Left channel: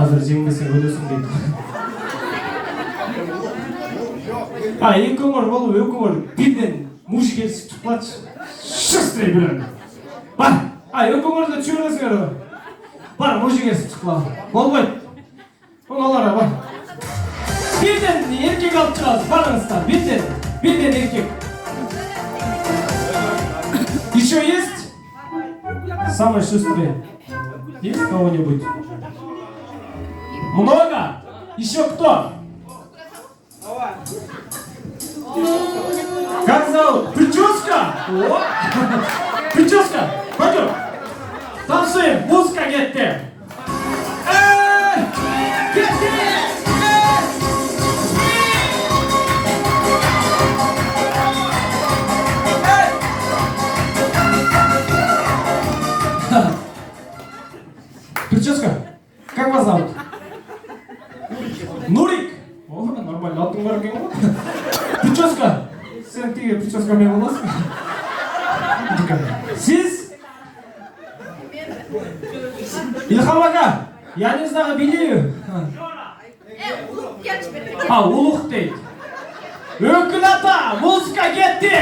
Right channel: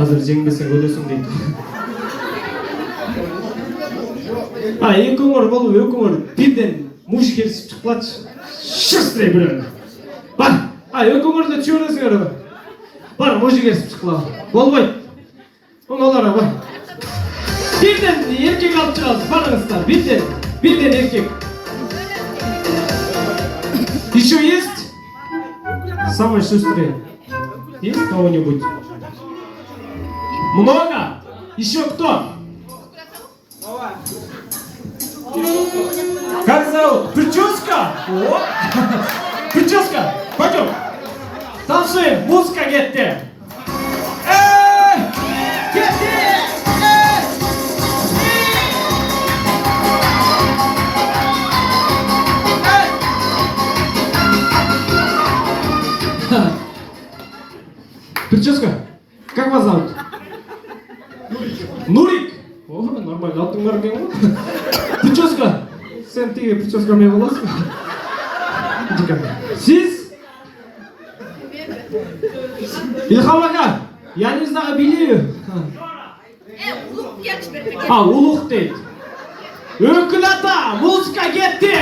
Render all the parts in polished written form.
Азыр жеңбесең өлөсүң дейт. Эки көңөр болуп, экөөңөр бирден муж келишип чыкпачы. Шыстрый бирөң. Бар. Экөөңөр да чөйрөсүңөр. Бар, муж келишип чыккыла. Болбойт. Оңолора бар. Бирден эркек алып чыгасыз, барыңыздар. Бирден эркек. Еще есть? Самый шустрый. Есть кого-нибудь? Много? Еще кто? Как зовут? Прическа? О! Прическа! Пойдем! Танцуем! Музыка кетти! Кетти! Прическа? Как вас зовут? Нурик! О, нормально, алтындар екен ғой. Прическа! Сен тегі прическа не боласың? Сіз? Илхам ака, я не знаю, билею. Улух дейді. Өкіл ата, музыка кетті!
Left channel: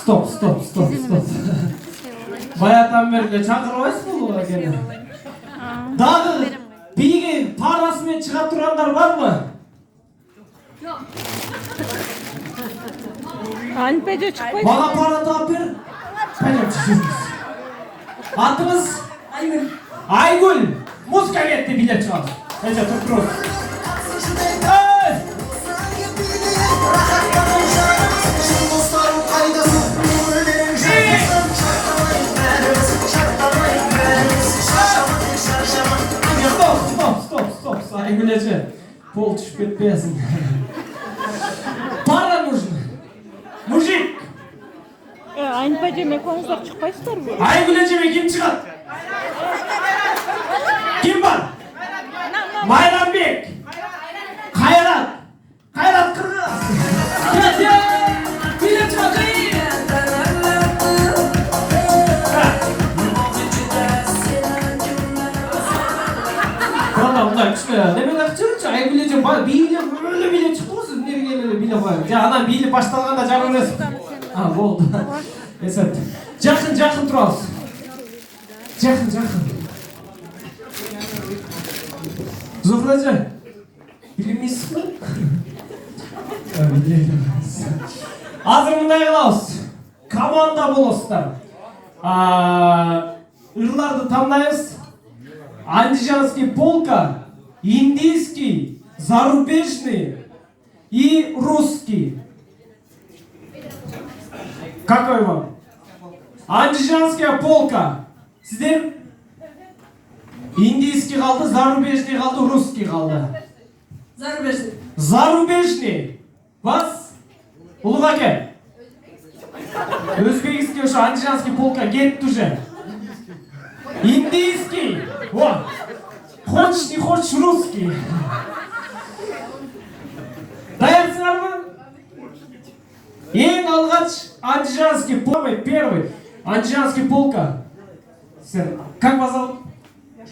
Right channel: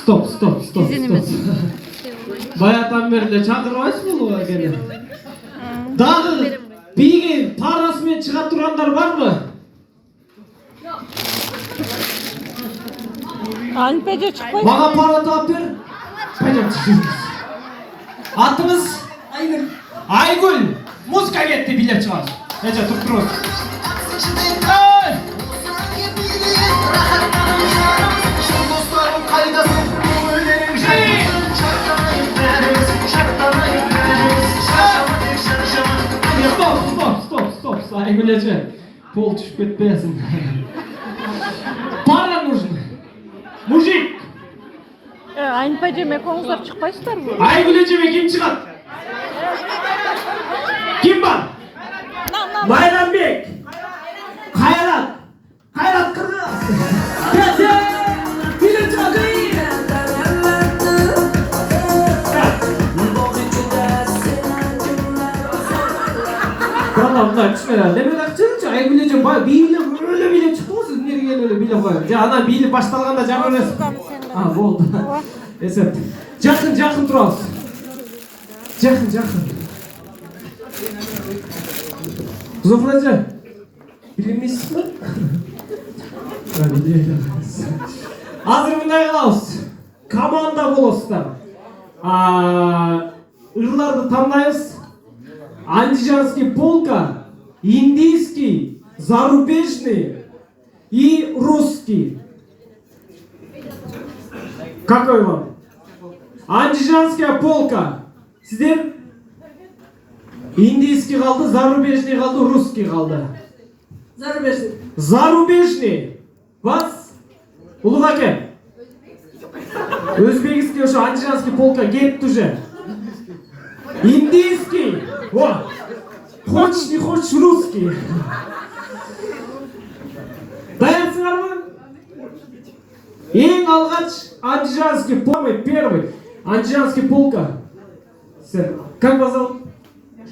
Стоп. Баятан бері чакырбайсыз болуға келе. Дағы биге парасымен чыга тургандар барбы? Альпеде чыкпайсыз. Мага пара таап бер. Пойдемте жүрүңүз. Атыңыз? Айгүл. Айгүл. Музыка кетти, билет чыгабыз. Эже туруп турабыз. Стоп. Айгүл эже. Пол түшүп кетпесин. Пара нужен. Мужик. Альпеде экөөңүздөр чыкпайсыздарбы? Айгүл эжеме ким чыгат? Ким бар? Майрамбек. Кайрат Кыргыз. Билет чыгат. Мындай түшпөй. Неме акчырчы? Айгүл эже бийлеп өлө билет чыкты го, сиз эмнеге келип эле билеп коюңуз. Анан бийлеп башталганда жабыр эмес. Болду. Эсеп. Жакын турабыз. Жакын. Зуфра эже. Билемейсизби? Азыр мындай кылабыз. Команда болосуздар. Ырларды тандайбыз. Андижанский полка, индийский, зарубежный и русский. Какой вам? Андижанская полка. Сиздер? Индийский калды, зарубежный калды, русский калды. Зарубежный. Вас? Улуг аке. Өзбекский ошо андижанский полка кетти уже. Индийский. О! Хочешь, не хочешь, русский. Даярсыңарбы? Ең алгач андижанский полка, первый. Андижанский полка. Сен, как вас зовут?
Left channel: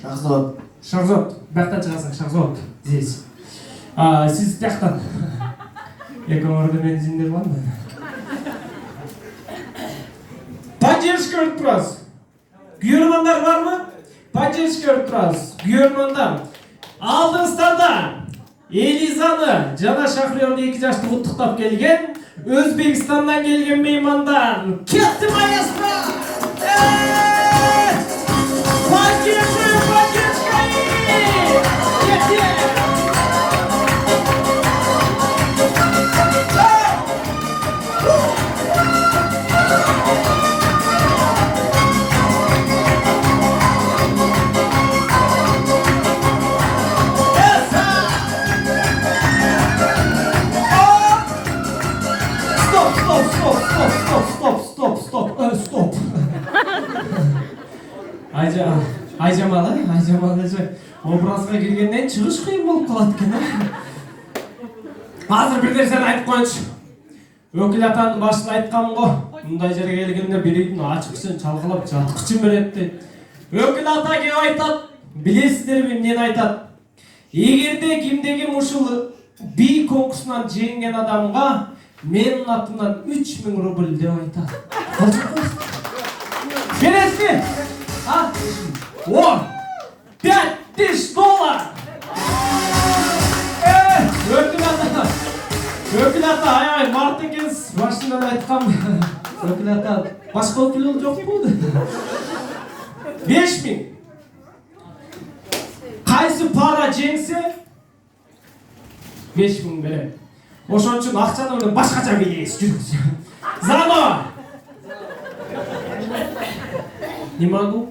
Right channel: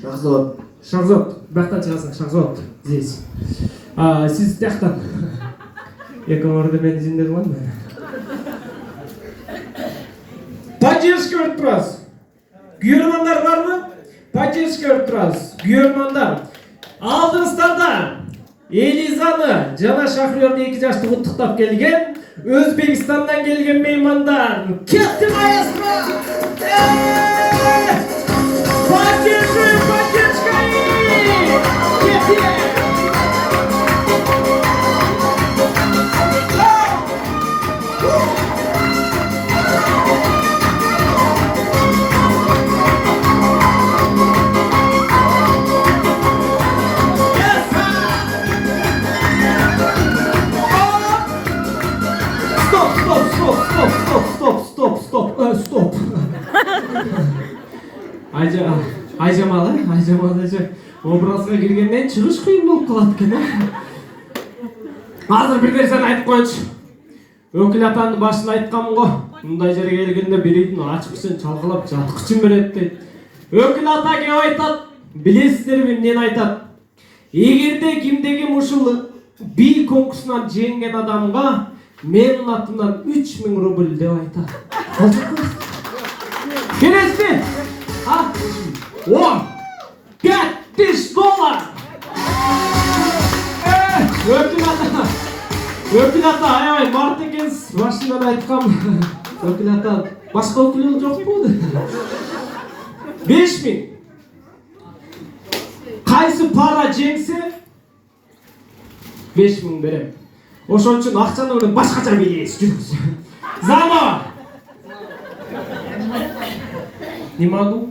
Шахзод. Бактан чыгасың, Шахзод. Здесь. Сиз тияктан. Экөөңөрдү мен изинде кылам. Поддержка өтүп турасыз. Күйөрмандар барбы? Поддержка өтүп турасыз. Күйөрмандар. Алдыңыздарда Элизаны жана Шахриорду 2 жашты куттуктап келген Өзбекстандан келген меймандар. Кетти маэстро! Поддержка! Кетти! Айжамал эже образга киргенден чыгыш кыйын болуп калат экен. Азыр бир нерсени айтып коеюнчу. Өкүл атанын башында айткам го, мындай жерге келгенде биридин ачкычын чалкалап жаткычын берет дейт. Өкүл ата кеп айтат, билесиздерби эмнени айтат? Эгерде кимдеги ушул би конкурсунан жеңген адамга менин атымдан 3000 рубль деп айтат. Бересиз? $10, $5000. Өкүл ата, аябай март экенсиз. Башында айткам. Өкүл ата, башка өкүл жокпу? 5000. Кайсы пара жеңсе 5000 берем. Ошон үчүн акчаны менен башкача билебиз. Зама. Немагу?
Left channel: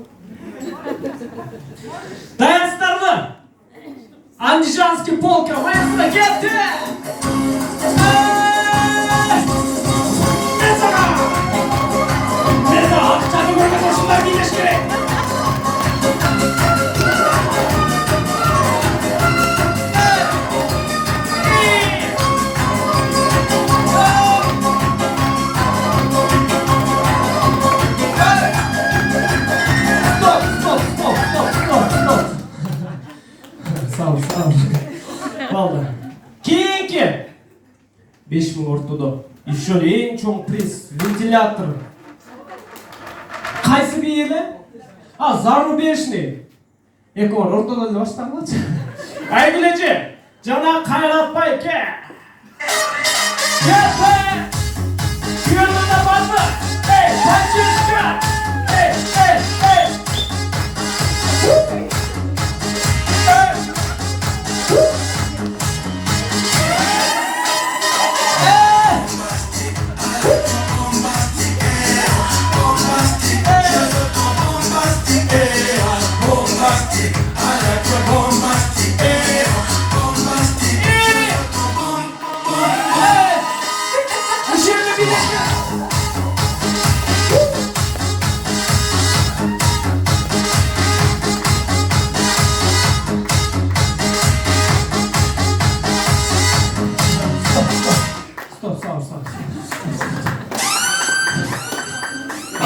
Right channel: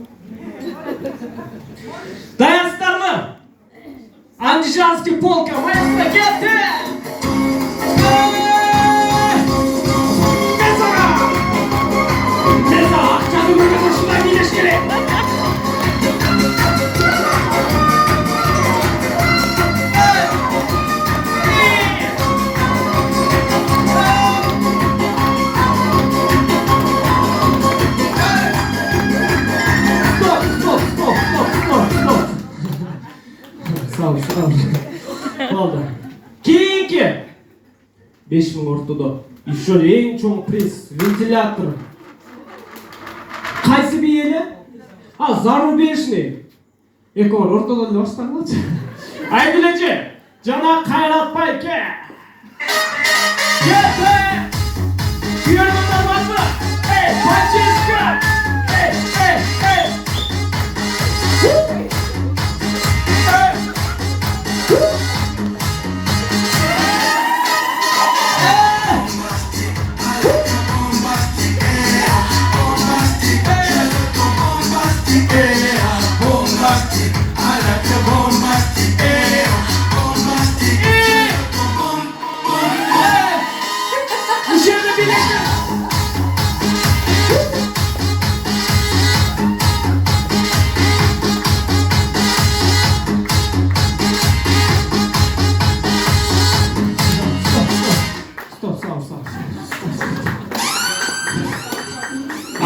Даясыздарбы? Андижанский полка, маэстро, кетти! Мен акчаны көргөн ушундай билеш керек. Sağ ol. Oldu. Keyinki 5000 ортодо. Еще эң чоң приз вентилятор. Кайсы биеле? Зарубежный. Экор ортодо эле баштагылачы. Айгилечи, жана кайратпай ке. Кете! Күйөрмөндөр барбы? Панчишка!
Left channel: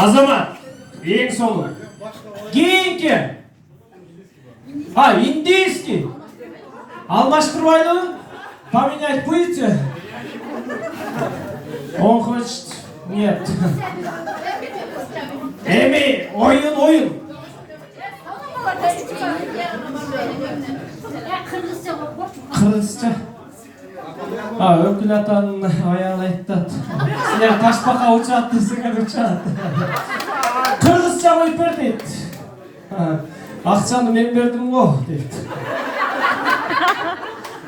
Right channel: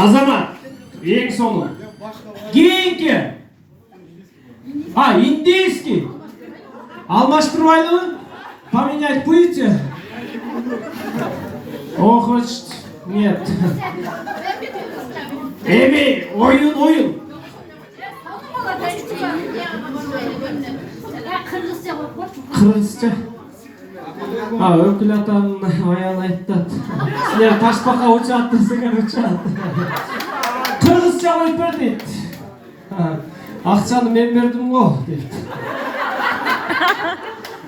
Азамат, ең соңы. Кийинки. Индийский. Алмаштырбайлы? Поменять будете? Он хочет. Нет. Эми, oyun. Кыргызча. Өкүл атанын аягы айтат. Силер ташбака учат десеңер учат. Кыргызча коюп бер дейт. Акчаны мен бердим го дейт.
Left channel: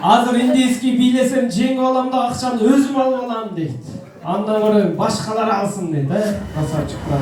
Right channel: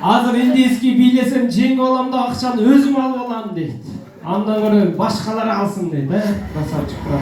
Азыр индийский бийлесем жеңип алам да акчаны өзүм алып алам дейт. Андан көрө башкалар алсын дейт, красавчик брат.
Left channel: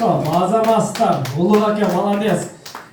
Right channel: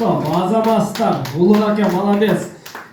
Стоп. Азамастар, улуг аке, молодец.